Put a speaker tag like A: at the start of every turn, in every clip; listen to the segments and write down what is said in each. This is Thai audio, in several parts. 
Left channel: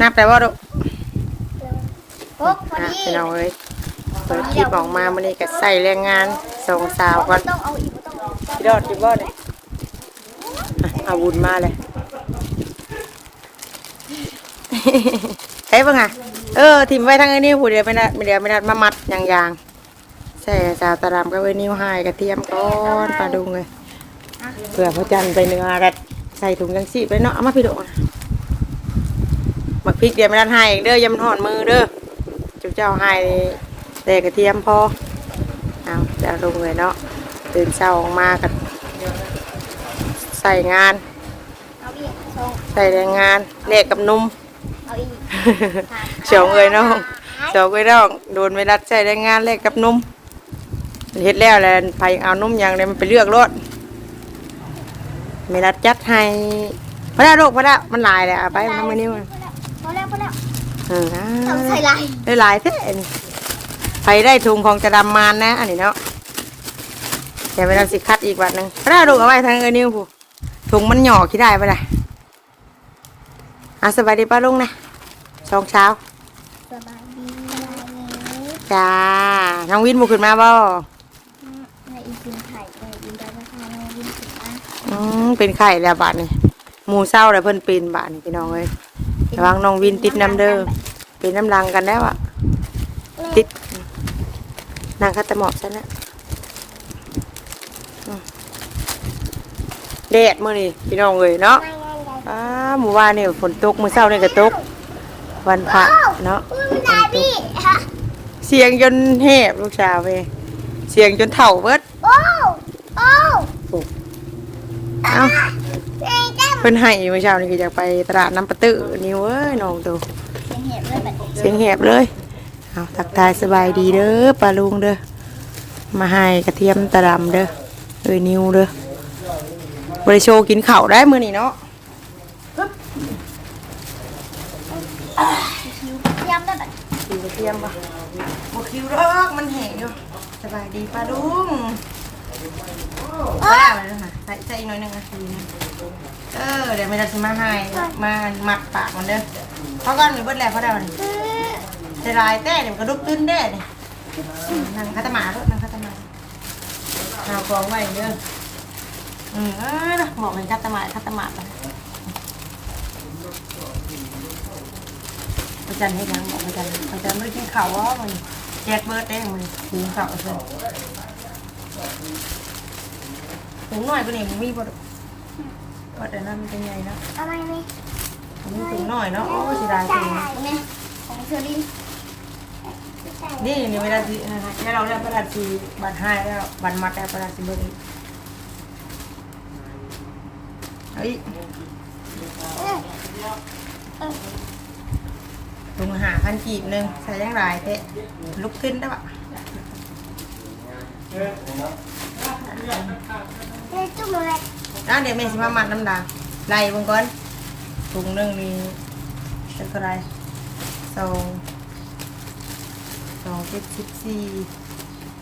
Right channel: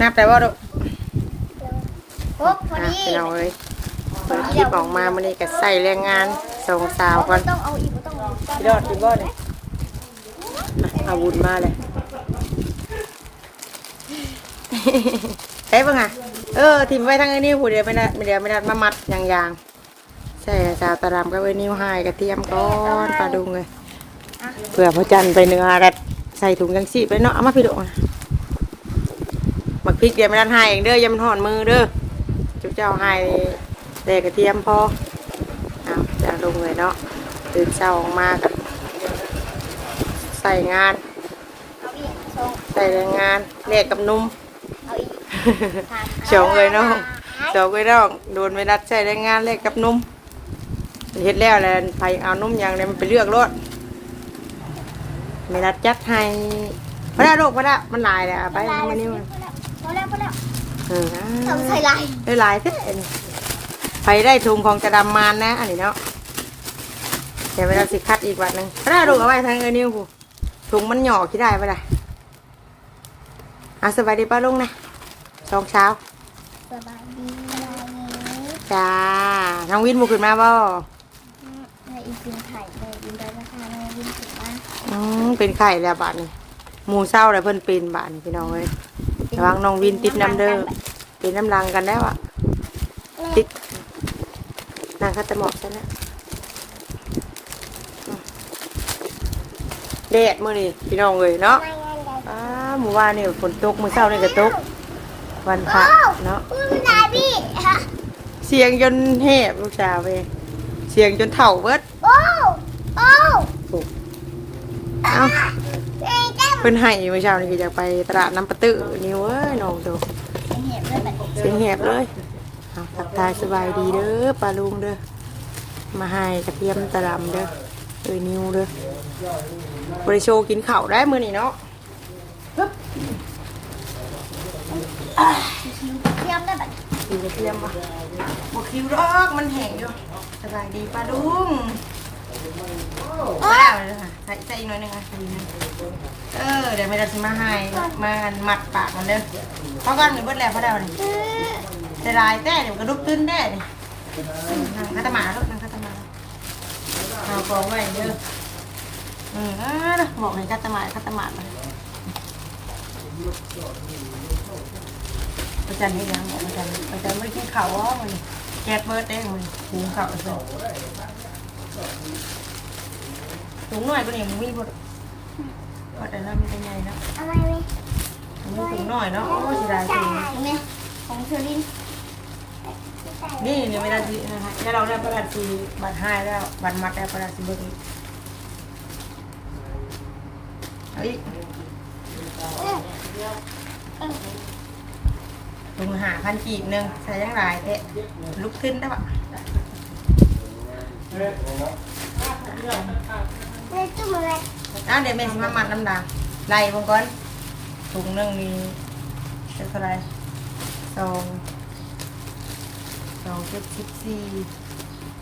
A: นับแต่ว่าลูก
B: โอ้พอ
A: อะ
B: ดี
A: พี่น้องเอ้ยเปิดคลิปออกมามันนี่ก็ใส่แรงงานสองสาวก่อน
B: ต้องเอาอีกต้องเอาอีก
A: พี่รอดคิดว่าเนี่ยเอาบุญมาเลยใช่ปะไงเออทิมไว้ทั้งไอ้นี่ผู้เดียวไม่ได้ไม่เดียวไม่ได้มามัดอย่างยางๆใส่จาตะลำก็ไว้นิ้วหายกระเทียมก้อนปลาดุงเลยเผื่อพระจันทร์ไปเนื้อรัดใส่ถุงจังสีไปเนาะเอามาพี่ดุนะห มักพริกเดี๋ยวไม่ได้ให้เองเด้ออยังมันห่อนมือเด้อจุ๊บเจ้าให้แต่กระเทียมพอเอาจะลงเลยเนาะตื่นเช้าออกมากับใส่งาน
B: เอาอีกสอง
A: ใส่แรงงานแลกกับนุ่ม
B: เอาอีก
A: เฉียวเลยน้องเฉียวเลยน้องโดนไม่รัดใช้แรงงานแลกกับนุ่มเฮ็ดแล้วแหละไผเอานุ่มอย่างเดียวมันไปเลือกรถไม่รัดจัดให้พระดาลูกพระดามันหลายเลยเอาไปเอามานิ้ว
B: พ อแล้วพอแล้ว
A: เออ
B: ทำใส่ลาย
A: ได้หลายแท้นี่ไปได้ถุงของจะดำมานนะ อันนี้เนาะเดี๋ยวเวลาสิคัดอีกวันหนึงพระดาลูกเอาไว้ทางเออนิ้วผู้ถุงมันหย่อขี้ได้ปะได้อะสบายดีป้าลุงนะสองเช้า
B: สบายดี
A: จ้า น้องวินบุขึ้นมาบ่
B: ในอีกกินไข่ในอินเตอร์นะคะน้องวินถึงว่า
A: อืมเป็นไข่แล้วบาทนี่ หมูเศร้าแล้วเพิ่นเป็นบาทนี่พี่น้องเอ้ยระวังน้องวินติดน้ำเด้อเป็นน้ำรังกันแล้วอะติดนางคัตตะหมอกใช่แล้วอืมแดดมื้อนี้พี่น้องเอ้ยเนาะอ้าหมู่ว่านนี่ฝนตกมื้อเช้านี่ก็ตก วันพระเนาะ
B: มันได้พี่ฮะ
A: เสียงจนแหบลูกสาวเว้ยเสียงจนเถ่าเบิด
B: โอ้โอ้
A: เอ้า
B: เจ๊เจ๊
A: เพิ่นให้เมื่อเช้านี่ก็อยากไปตลาดน้ำปะตื้อนิ้วเอ้ยน้องดู
B: ยังเห็นเลยแบบ
A: เสียงแหบเลยเอาทักทายสบายดีเด้อปลาลุงเด้อมาให้กระเทียมตะดำเด้อเอ้ยนิ้วเด้อบริโชว์กินข้าวได้มื้อนี้เนาะ
B: เทียมได้แบบ
A: กินกระเทียมปะบ่คิวรอกมันแห้งอยู่สบายดีปลาลุง ว้าวเลยค่ะใส่ใส่อีกหน่อยหนึงอะดีนะเออเดี๋ยวไม่ได้มาให้มามัดปากมันเด้อเพราะกันมีเบิดแล้วเพราะได้วันใส่ลายแต่เดี๋ยวกระดุกขึ้นได้นี่นั่งคัตมาลูกนั่งคัตมาเอากองไว้เด้ออืมเออนะบอกให้คัตมาคัตมาไปอาจารย์ให้ยังบอกอาจารย์อาจารย์ไม่กินข้าวอ๋อมันแก๊สเบิร์ดได้งมันหุงข้าวเสร็จ ถุงหน่อยปะเนี่ยมึงมีปะว่าแต่น้ำมันเป็นไงนะ
B: เอามาเลย
A: มึงมีถุงหน่อยเนาะโอ้เสียดายจริง
B: เนี่ยของเชอริน
A: นี่เนี่ยเวลาที่นะคะแล้วเราได้ประดับสีบัตรให้แล้วบัตรมัดแล้วประดับสีเบอร์อีกเฮ้ยลุงหาพันกีบหนึ่งใส่ยังไรเทะลุกขึ้นได้ปะ
B: เลยจุ่มเลย
A: อะเดี๋ยวแม่สิมามัดน้ำดางไล่วงก่อนถุงหนึ่งนี่เป็นเท่าไหรสองสองเจ็ดสิบสี่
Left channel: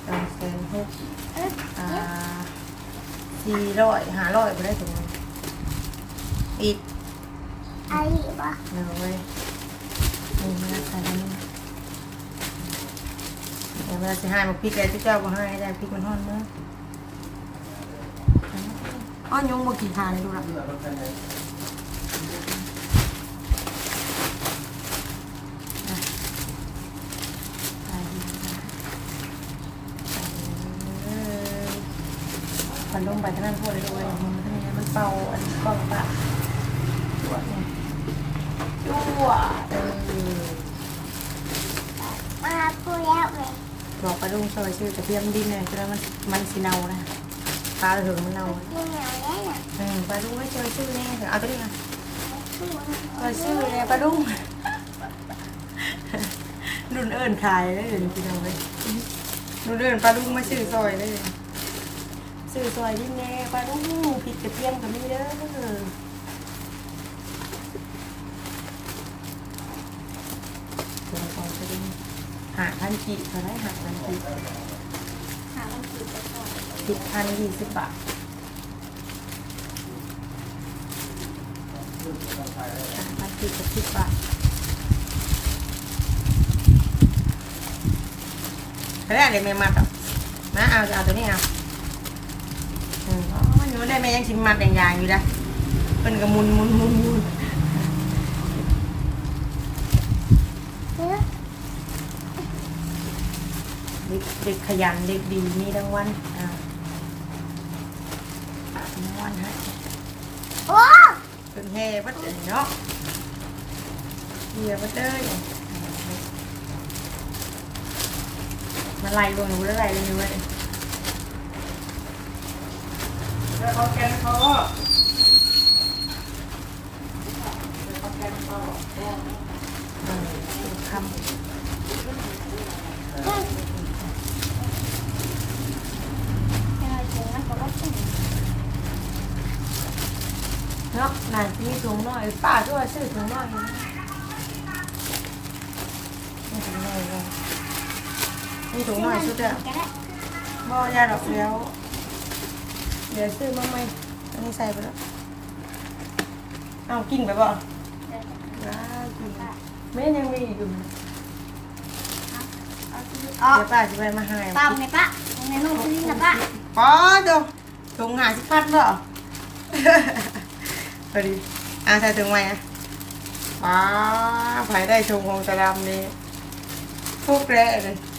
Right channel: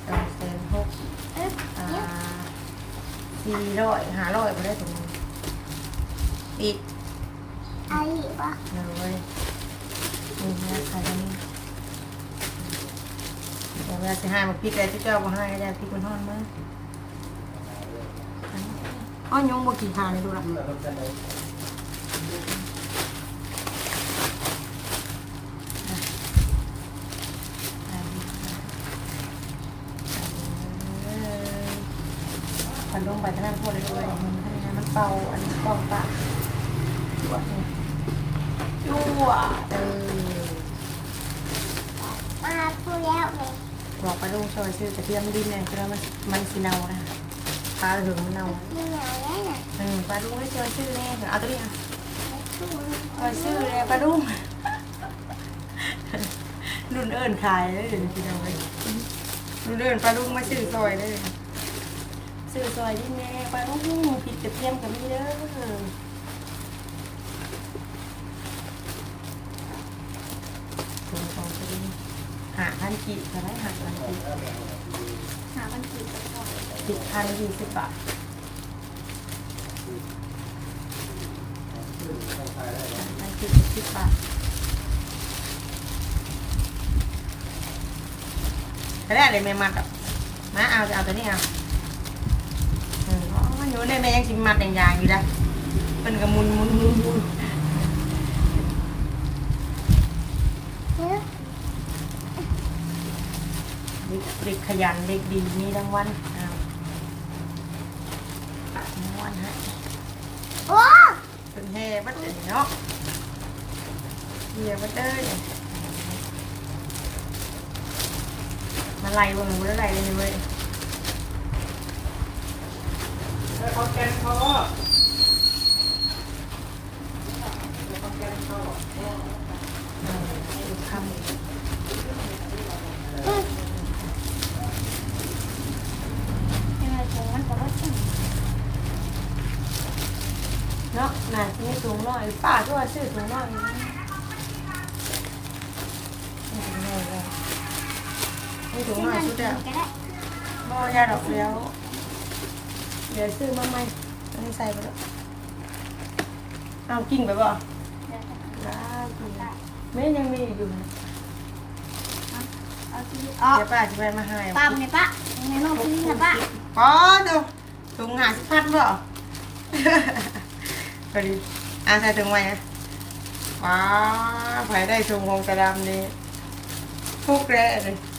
A: สองแสนหก
B: เอ๊ะ
A: อ่าสี่ร้อยห้าร้อยไปได้ถุงหนึ่งอีก
B: ไอ้ปะ
A: หนึ่งเลยนี่นะใส่ตรงนี้เดี๋ยวเวลาจะให้มาพริกอะไรที่เจ้ามาให้ก็ได้พริกมันทอดมือ อ้อนยงบกี่ทานเลยดูละพันลงไปท่านั้นพูดเลยด้วยมันทำยังไงมันเป่าอันนี้กล้องปะจั่วเนี่ยจั่วเออ
B: มาพูดแล้วเลย
A: บอกไปลุงซอยซื้อกระเทียมดินเลยเพราะมันมันสีเนานะปลาถึงมันเนา ปลาดุงไม่เจอชื่อแน่เอาตัวนี้อะ
B: ช่วย
A: เออชื่อเลยปลาดุงรุ่นเอิญขายเลยเดี๋ยวนี้พี่น้องเลยรุ่นเอิญปลาดุงมาซื้อซอยเลยซื้อซอยดินแน่ปลาดุงผิดกระเทียมกับนี่เด้อถุงของกระดิ่งหาพันกีเขาได้หาพันกี
B: หาวันกี่ไปก่อน
A: สิบพันยี่สิบบาทพัน สิบบาทก็ได้เลยแม่มัดอะมาเอาจะเอาตัวนี้เอาอืมอ๋ออยู่ได้แม่ยังชิมมัดอย่างๆอยู่นะเป็นกระมุนมุนมุนมุนเด็กเด็กขยันเด็กดีมีรางวัลอ้าวรางวัลฮะ
B: โอ้
A: เป็นแห่บัดเดี๋ยวนี้เนาะ เฮียบัดเด้อเนี่ยมาไล่วงหนูแล้วไล่เลยนี่เว้ยแล้วเขาแกนเขาก็แล้วเขาแกนเขาเออคำ
B: ยังไงถึงมันก็ว่าถึง
A: เนาะนายมีถุงหน่อยป้าด้วยซื้อถุงหน่อยนะมีถุงหน่อยเลยมี ถุงหน่อยชุดเดียว
B: ก็ได้
A: บ่ยาดอกเลี้ยวเดี๋ยวซื้อมาใหม่อันนี้ใส่ไปแล้วเอากินไปบ่
B: เดี๋ยวจะ
A: ว้ากินไม่ยังมีอยู่นะ
B: เอาที่อ๋อ
A: เดี๋ยวป้าจะไปมาให้
B: ปั๊มในปะในน้องที่นะปะ
A: ป้าดูถุงหาสิพัดบ่พอดีอ่าใส่ถุงไว้นะป้าไผได้ถุงของกระดำนี่ทุกแร่เลยนั่งเจ๊ๆหันมาแล้วแม่นี่อะสิเจ๊อ้าวโอเคลูกกระบี่อยู่แล้ว
B: ได้ละ
A: อืมจริงเนาะ
B: อะ
A: แววมาเย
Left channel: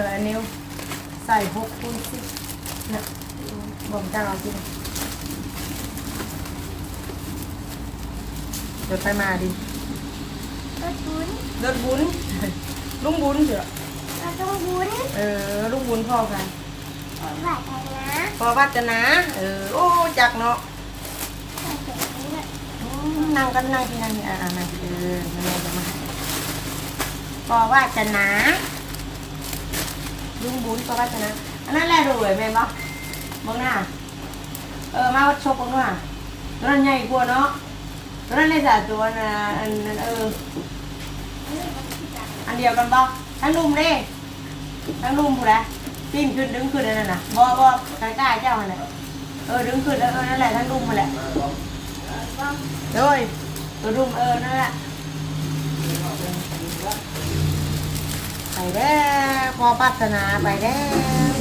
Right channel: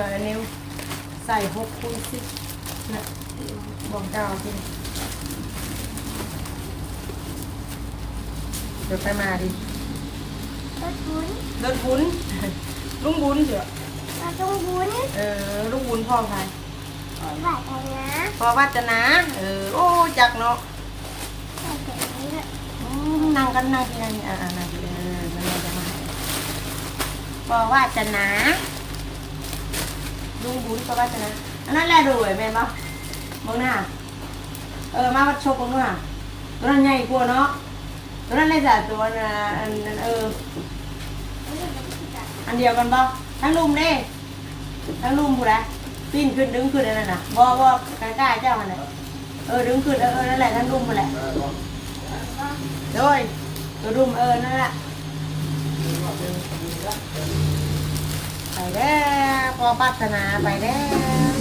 A: อะอันนิ้วใส่หกคูณสิบเนี่ยบ่มเจ้าจริงเดี๋ยวไปมาดิ
B: รถบุญ
A: รถบุญลุงบุญ เถอะ
B: เราต้องบุญ
A: เออลุงบุญพ่อใคร
B: ขอไหว้กันนะ
A: พ่อวัจนะ เออ โอ้จักเนาะ
B: ไหว้กันนี้ละ
A: อืมนั่งกันนั่งที่นั่งนี่อ่านั่งที่เออแม่จะมาให้พ่อวัจนะลุงบุญพ่อวัจนะอันนั้นแหละรวยแม่นปะมองหน้า เออ มาวัดชกกันด้วยตัวนั้นใหญ่กว่าเนาะตัวนั้นเลยจ้ะตัวน่ะอันนั้นเออ อันเดียวกันบ่ ทั้งลุมเด้ทั้งลุมผู้ใดปีนขึ้นดึงขึ้นอันนั้นน่ะบ่บ่ใกล้เจ้าหั่นน่ะเออดึงขึ้นเออเออนั่นแหละทั้งลุมมาแหละโดยตัวลุมเออนั่นแหละไปแล้วพอพัฒนาไปแล้ว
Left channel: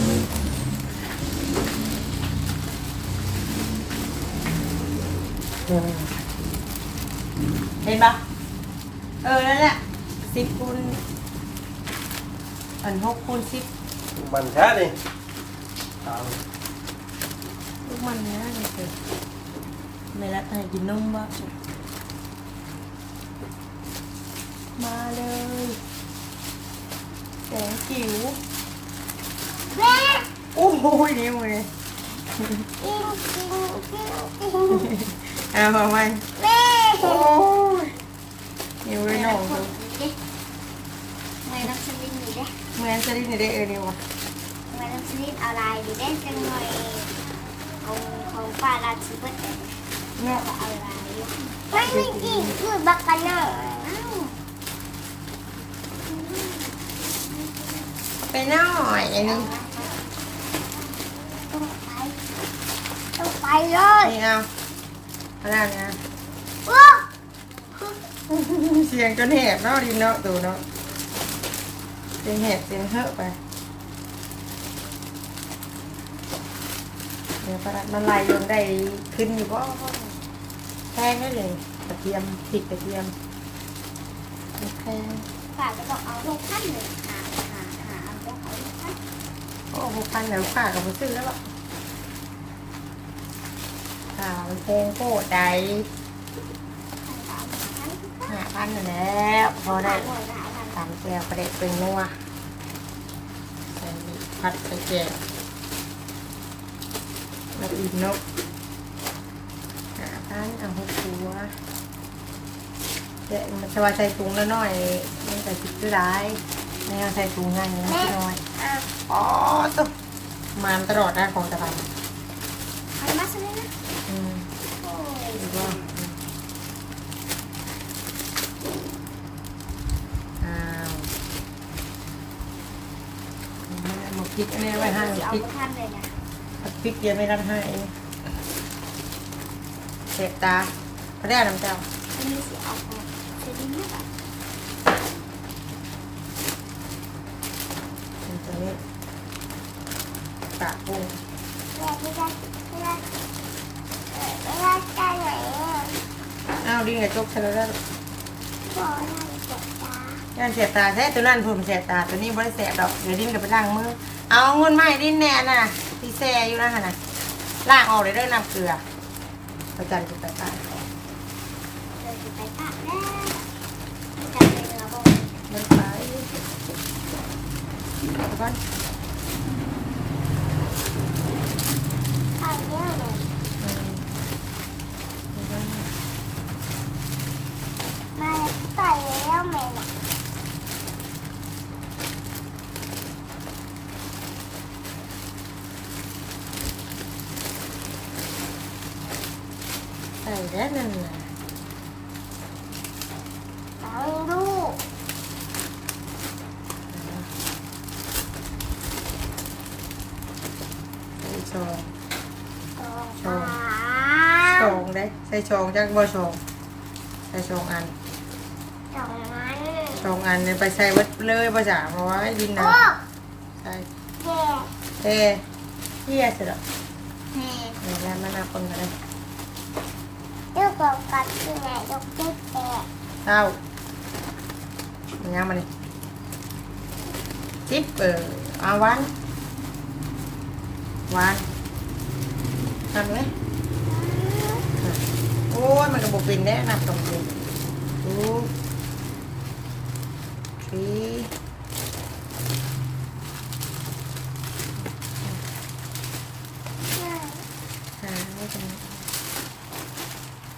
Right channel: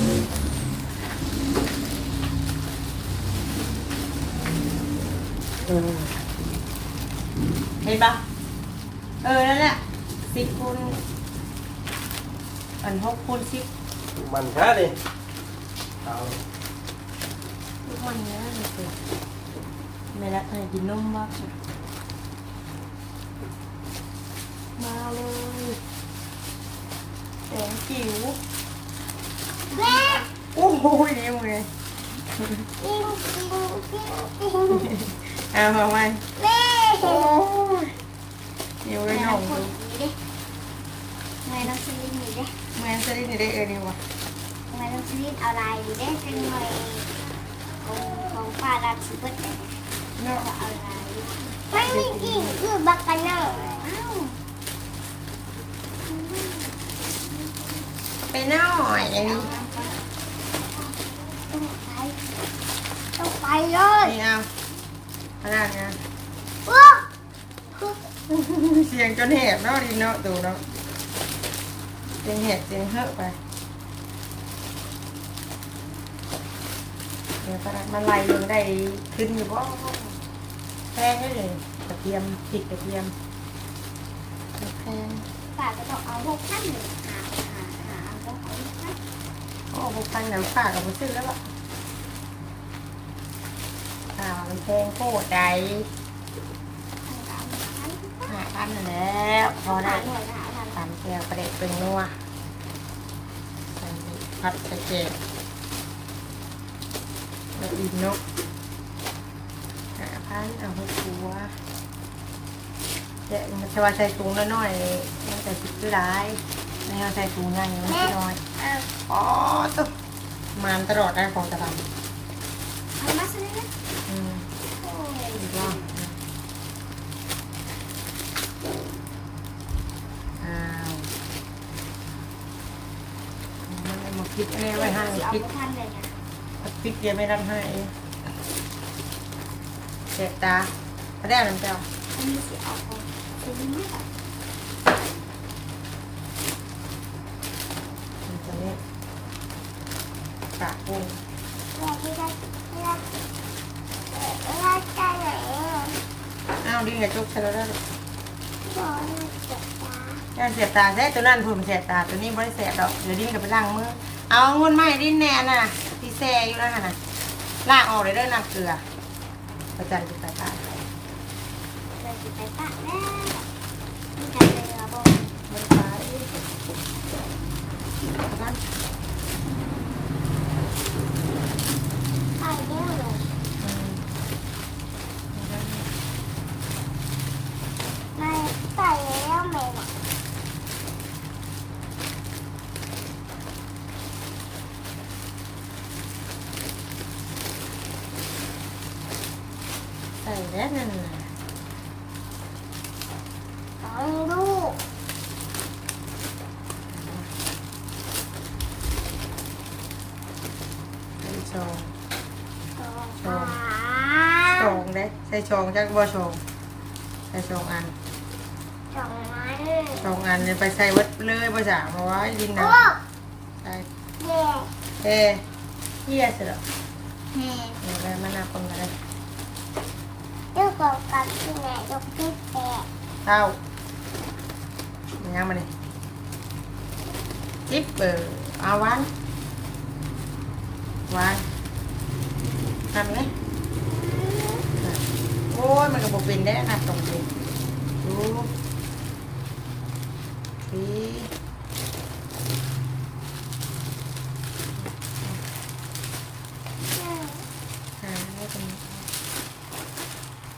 A: โอ้เห็นปะเออนั่นแหละสิบคูณ อันหกคูณสิบ
C: มันแท้ดิเอา
A: ลูกมันเนี้ยเลยเกิดไม่ละให้กินนมบ้างมาเลยแสงจิ๋ว
B: แม่
A: โอ้โหนี่มึงไง
B: จริงจริงจริงจริง
A: เอามาไหม
B: แม่
A: โอ้ยนิ้วเลยน้องดู
B: ไม่ต้องสลิงนี่เด้
A: เหมือนจะได้ในได้เออเนี่ยวะ
B: ไม่ต้องสลิงเอาลายดีเด้จังหน่อยของของป้าราชิบัตเด้
A: เนาะ
B: ก็เอาลายไม่ไม่อีกคือบักกันเนอะอ้าว
A: ไปหน่อยอันนี้
B: ต้องไปต้องไปเลย
A: นี่เอาขนาดเนี้ย
B: โอ้
A: เสียงจนแหบเนาะดินเนาะตูเนาะ เสียงแหบเสียงเหอะไป เดี๋ยวประดับมันไล่ลงได้ขึ้นอยู่บ่แพงได้เลยกระเทียมพริกกระเทียมแพง
B: ป้าก็ต้องเอาหกพันหนึ่งหาหาหาต้องเอาหกพัน
A: โอ้หกพันแล้วค่ากับมาซื้อแล้วล่ะค่ามันแพงโคตรใด
B: สามหาพัน
A: ห้าพันนั่นแหล้วพอได้
B: หน่วยหาพัน
A: ตามแก้วประเด็ดเป็นนัวใส่ผัดใส่แกงแล้วอิ่มเนกห้าพันเอาหัวหัวเดี๋ยวมันจะว่าใส่ถุงน้อยๆมันจะคิดคือร้ายไม่เอาใส่ถุงง่ายมันคิดน้อย
B: อะ
A: อ๋อตุ๊มานตลอดนะของตะไบ
B: เอามาซื้อนะ
A: อืม
B: โอ้ย
A: ดีว่า พ ริกอันนี้ไว้ให้
B: เอา
A: พริก
B: ท่านเลยนะ
A: พริกเดียไม่รับให้เสียตาเขาได้น้ำเจ้า
B: อันนี้สิเอาไปะดีมาก
A: ตัวนี้ปากกุ้ง
B: เวลาได้เวลาไหนอ้า
A: วดิ้งกระจกช่แล้วได้
B: บอกให้เจ็บตา
A: ย่าเสียตาแท้ตัวนั้นผมเสียตาตัวนี้ไม่ได้เสียดอกเดี๋ยวดิ้นกับไปล้างมือ เอาเงินมาให้ดิ้นแน่น่ะที่แซ่อยู่นะค่ะน่ะล้างออกเลยเด้อน้ำเกลือประจันจุดไปป้า
B: เลยจะไปปะแน่ที่จะไประบบ
A: ไม่ไปเอาก่อน
B: ข้าวเลี้ยงเลย
A: อืม
B: ไม่ใส่แล้วไหมล่ะ
A: ใส่แล้ว นั่นน่ะ
B: เอาลูก
A: ใส่ชอง
B: ต่อ
A: ชอง
B: ขา
A: ชองได้ใส่ชองจักบ่ชองใส่ชองอัน
B: สองอัน
A: ชองอันเนี่ยไปใส่เวัดเลยภาษามาไว้ดินนะ
B: โอ้
A: ใช่
B: เด็ก
A: เอ้เฮียเสร็จแล้ว
B: เฮ้
A: เดี๋ยวแม่มานาคนกันเลย
B: เรื่องเกี่ยวกับที่ไหนยกที่แตก
A: เต้ามันยังมาเลยทิปเออเอาวันวันทำไหมโอ้ยมันก็บอกเป็นได้นับตรงนี้ดูสี หาไม่เป็น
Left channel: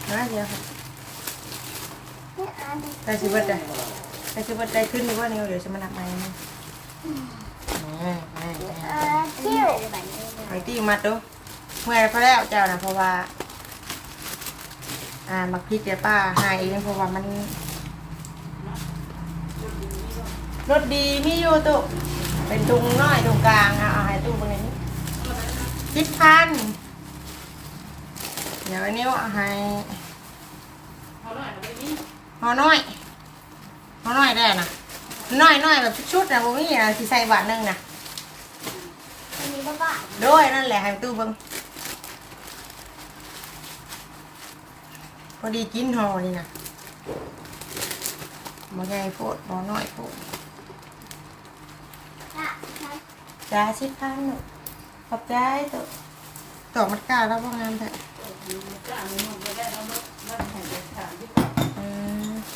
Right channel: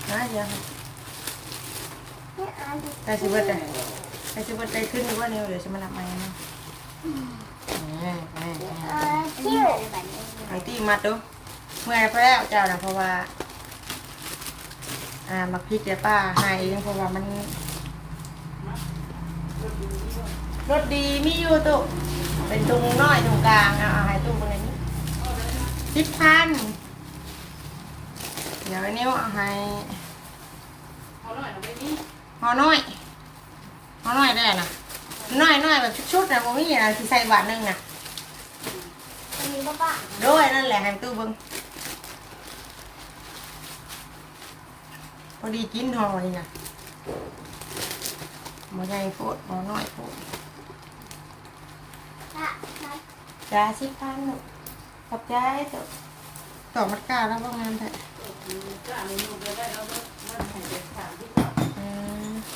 A: หา เดียวค่ะ
B: นี่อัน
A: ได้สิเบิดได้ได้สิเบิดได้ขึ้นหรือว่านิ้วเดี๋ยวจะมานับใหม่นะแหม่แหม่แหม่
B: อันที่อยู่ในแบบนี้
A: ไอ้ที่มัดดูเมื่อยพอแล้วเจ้านะเพราะว่า อ่ามักพริกเดี๋ยวป้าหายเองเพราะว่ามันรสดีนี่อยู่ตุเป็นตุงน้อยตุงกลางอะเอาให้ตู้บนนี้สิบพันเดี๋ยวอันนี้เอาให้หอน้อย หอน้อยได้นะน้อยน้อยแบบชุดๆนะผมมีนะที่ใส่บาทหนึงนะ
B: อันนี้ก็บ้า
A: ด้วยนั่นแหละให้ตู้เบิ้งพอดีกินหอนี่นะหมอใหญ่โพดหมอน้อยโพด
B: ละมัน
A: จ้าสิบพันหนูขอบใจตัวต่อมัดกาแล้วว่างานเถอะอื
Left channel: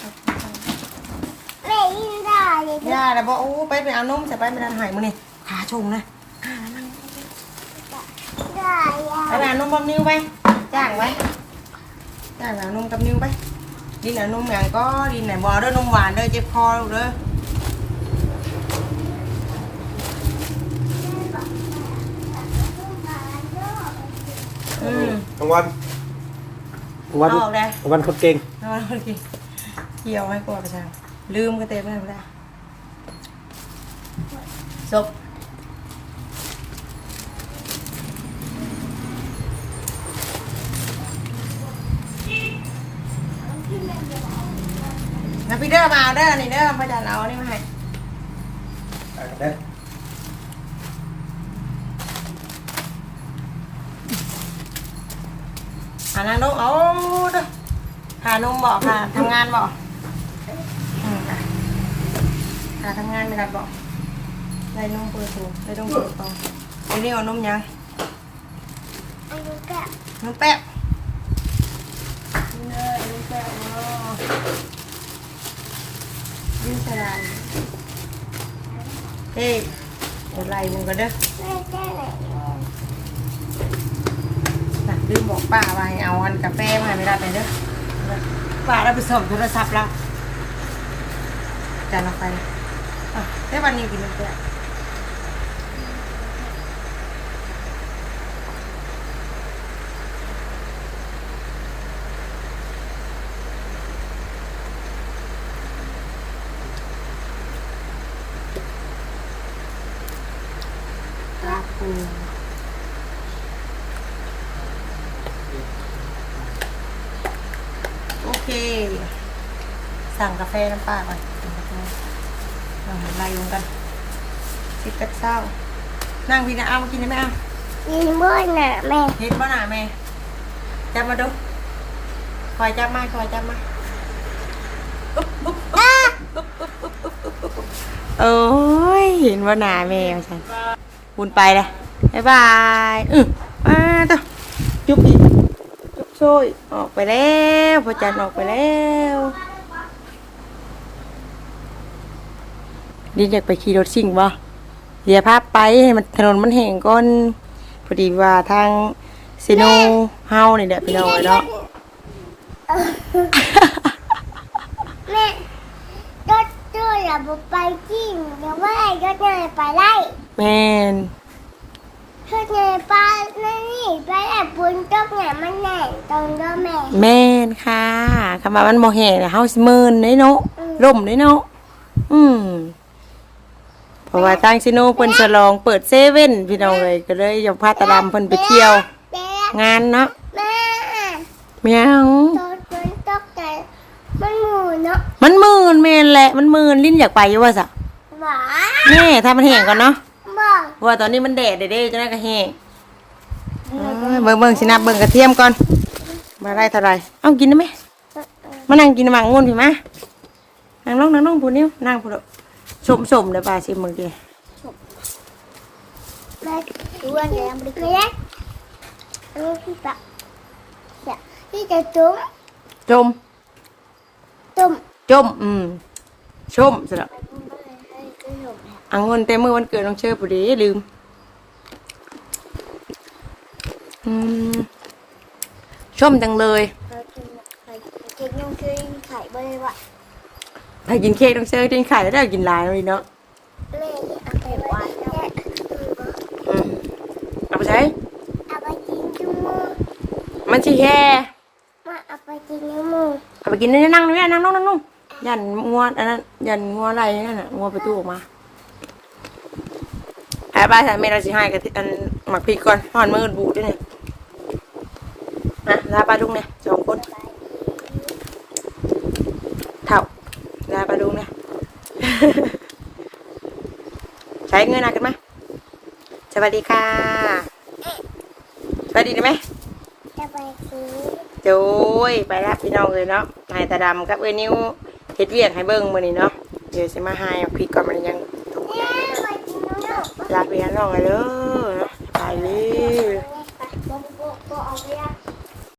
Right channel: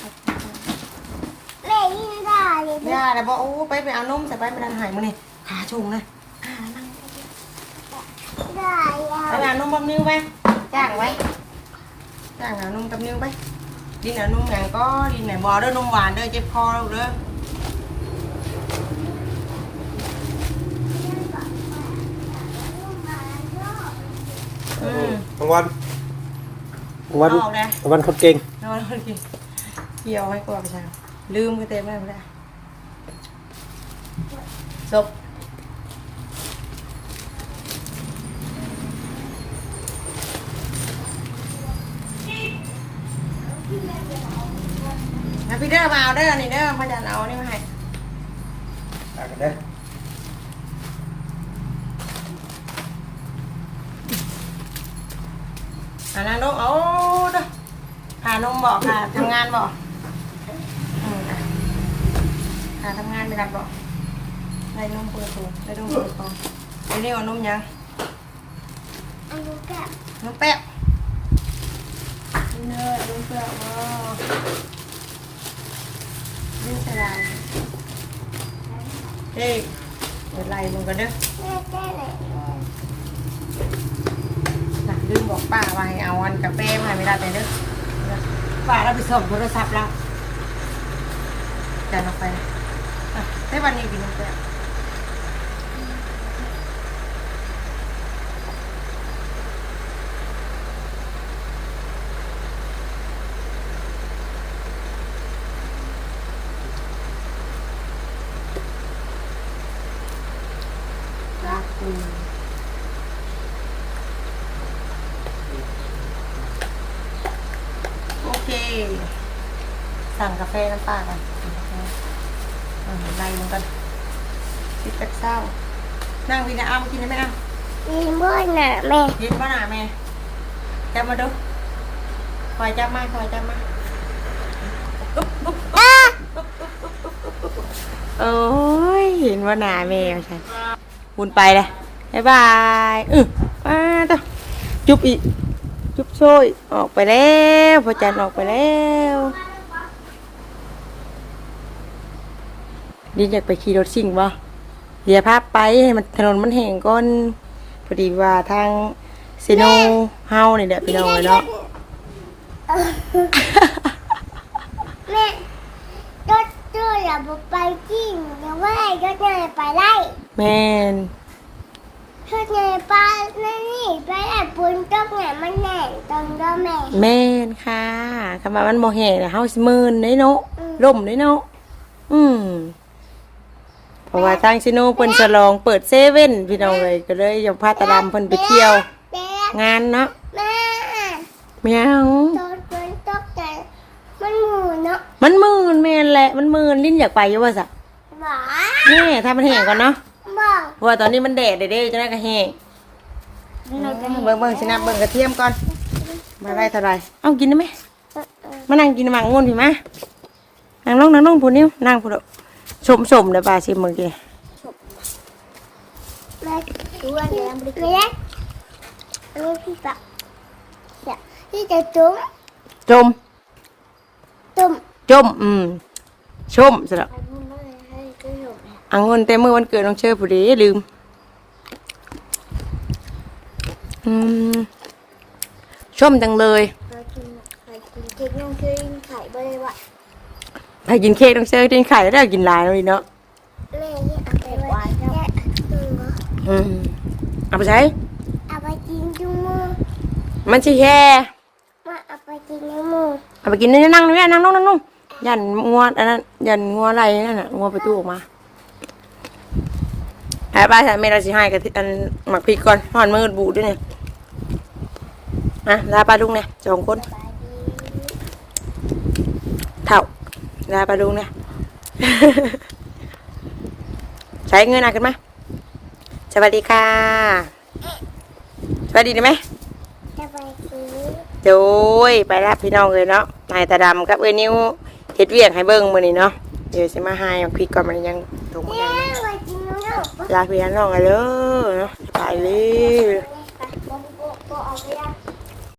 A: มขอบคุณค่ะ
B: เล่ยินได้เลย
A: ย่าแล้วบอกโอ้ไปไปเอานมใส่ไปไปดันหายมือนี่ขาชงนะอ่านั่ง
B: ได้
A: ไปไปเอานมกับนิ้วไปจ้างไว้จ้างเอานมกับนิ้วไปดินเอานมอย่างก็ดินไหนบอเด้อนมหวานเด้อเจ็บคอลูกเด้ออืม
C: รางวัลรางวัล
A: เอาได้
C: รางวัลคนเก่ง
A: นอนกินเกี่ยวให้กลัวประชาลืมก็เต็มไม่ได้จบนะพี่เด้อมาเอาเด้อนี่เด้อพ่อจันเอาอันนี่มาให้
C: อ่านกันเด้อ
A: หานางนกเอาเด้อหานมบอกค่ะทำงานบอกอืมอะหาทำงานไม่ได้บอกได้นมเปิดโถได้นมเปิดโตไอ้นี่เอานมยัง
B: อันนี้ก็
A: น้องแป๊บเนยน้องแป๊บว่าดิ้นสลายเฮ้ยเดี๋ยวไล่มึงก็เด้อ
B: ไม่ได้เลย
A: มาลืมบอกป้าว่าให้เอาอันกาแฟมาให้ไม่ได้ไปเด้อป้าเราไปส่งโทรศัพท์แล้วจานออกไป อะได้วันนี้กินน้ำแป๊บอืมโอเค สั่งกาแฟน้ำป้าก่อน สั่งกาแฟอ่าไล่ลงกันสิบแปดเศร้า นั่งพี่นะเอามากินได้ไหมเอา
B: ยินบ่น่ะแม่
A: เห็นป่ะหน่าแม่จับมาดู คอยจับมาคอยจับมาอุ๊บอุ๊บโอ้ยเห็นว่าหนาแม่ใช่บุญไปเลยบ๊ายบายอือมาต่อจุบอีกจุบช่วยออกไปแล้วพอจันออกไปแล้ว ดินอยากไปขี่รถสิ่งบ่เดี๋ยวพาไปให้มันถนนมันแห้งก่อนพอดีว่าทางซีโนเฮานี่แหละพี่น้องเนาะ
B: แม่รถตู้อย่าไปจริงเดี๋ยวว่าไอ้รถเนี่ยไปไล่
A: แม่น
B: รถเนี่ยไปนี่ไปไอ้ปุนตกเนี่ยมันแหน่งตรงก็แม่
A: แม่นค่ะคำว่ามันบ่แห้งน่ะเฮาสิมื่นได้เนาะ
B: อืม
A: ล่มได้เนาะอืมเพ ราะว่าทางซิโนเพิ่นฉลองเปิดเซเว่นพี่น้องเลยก็เลยอยากพาตาดำเพิ่นไปเที่ยว
B: แม่
A: งานเนาะ
B: แม่
A: เมียว
B: ตอนฝนตกใจมันหมูเนาะ
A: มันมื่นแม่นแหละมันมื่นลิ้นอยากไปอยู่ว่าซะ
B: หวา
A: แม่ถ้ามันแห้งก่อนเนาะ
B: บอก
A: เพราะว่าตอนนี้มันแดดเด้ๆจังได๋ก็แห้งเอ้ยเบิ่งเบิ่งสินับเบิ่งกระเทียมก่อนมาได้เท่าไหร่เอากินได้ไหมมานั่งกินมังงวนพี่มานั่งลงนั่งลงพูนิ้วนั่งพูด สมสมๆเดี๋ยวปลาชิมมึงกิน
B: แม่ดูอันนี้ไม่ได้ลูกพี่ปะจะที่จะจุ้ม
A: จม
B: จุ้ม
A: จมอืมชมสิละอังเงินเต็มมือวันเกิดน้องเชื่อผู้ดีลืมอืมชมจังเลย
B: เรากินไข่กินเค้กยังเคยไข่บ่ได้วะ
A: ถ้ากินเค้กน้องเชื่อกินไข่แล้วได้กินหลายเลยเนาะ
B: แม่เอาไปหวานแล้ว
A: อืมเอาไปใช้
B: เอาไปกินจุ้มู
A: มันชิแค่
B: มาเอาไปกินน้ำมู
A: เอาไปกินนี่นั่งนี่นั่งลงนั่งลงยันงัวอันนั้นยันงัวอะไรนั่นน่ะงัวประตูออกมาไอ้บ้านฉันไม่ได้สิให้กับที่อันหมักพริกก่อนห่อนมือบูดด้วยนี่นะลาปลาดุงเนี่ยสองคนเท่า ลาปลาดุงเนี่ยใช้เงินหนักกันไหมสวัสดีค่ะ สวัสดีได้ไหม
B: จะไปกิน
A: โจ้ยไปรับพี่น้องเลยเนาะนายตาดำครับเอ้ยนิ้วเฮ็ดเวียกให้เบิ่งมื้อนี้เนาะเดี๋ยวสิมาให้เอาพริกก่อนมันยังตรงได้
B: แม่ไปกินน้ำ
A: ลาพี่น้องกันเลยไปเลย
B: ไปบ่บ่บ่เอาไปละ